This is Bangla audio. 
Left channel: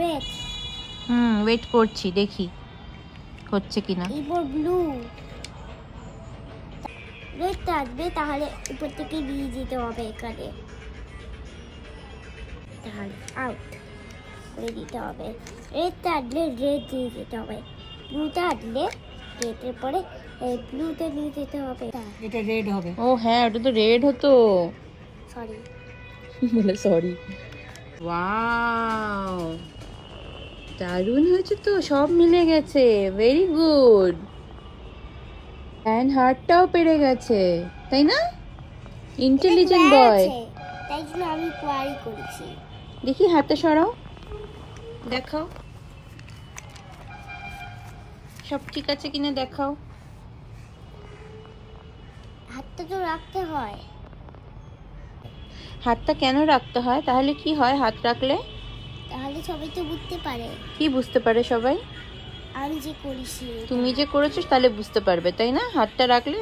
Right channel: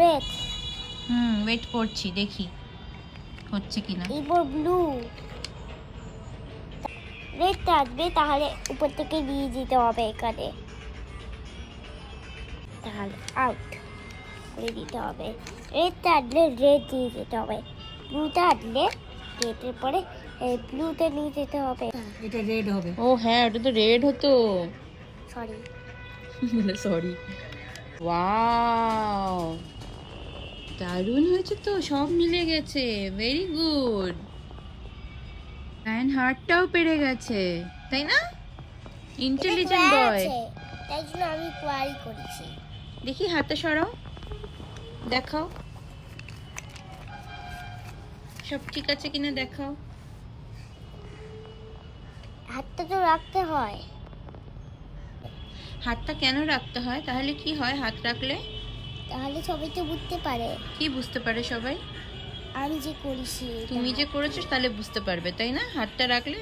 রেড। ওয়েট করছি, দেখি হচ্ছে কিনা। এবার ব্লু। রেডটা আসবে, তাহলে উপর থেকে দিয়ে দিতে হবে এখানে, তাহলে আউট করে দিতে হবে। রেডটা আসলে রেড দিয়ে দিতে হবে, ব্লুটা আসলে রেডের পরে ব্লুতে নিয়ে যেতে হবে। এটা রেড হবে। ও হ্যাঁ, ওটা তো রেড হতো। সরি বলে সরি। ওয়াও, দারুণ হয়েছে তো, সব মিলে গেছে, ভেরি গুড। অ্যান্ড হার্টটাও পেরে গেছে, তাই না? ইন্টেলিজেন্ট বয়। তাই জন্য আমি কোয়ারি করেছি। দেখি হাতটা সরাও, দেখাও সব ঠিক আছে কিনা, দেখাও। হাতটা তো রাখতে হয়। হাতটা কেন রাখতে হয়? তাহলে কি হয় হাত রাখলে? তাহলে সবাই তো বুঝতে পারে। কি বুঝতে পারে সবাই? আমি যে করেছি, তুমি যে করেছো তাহলে বুঝতে পারবে, তাই না? হাতটা রাখলে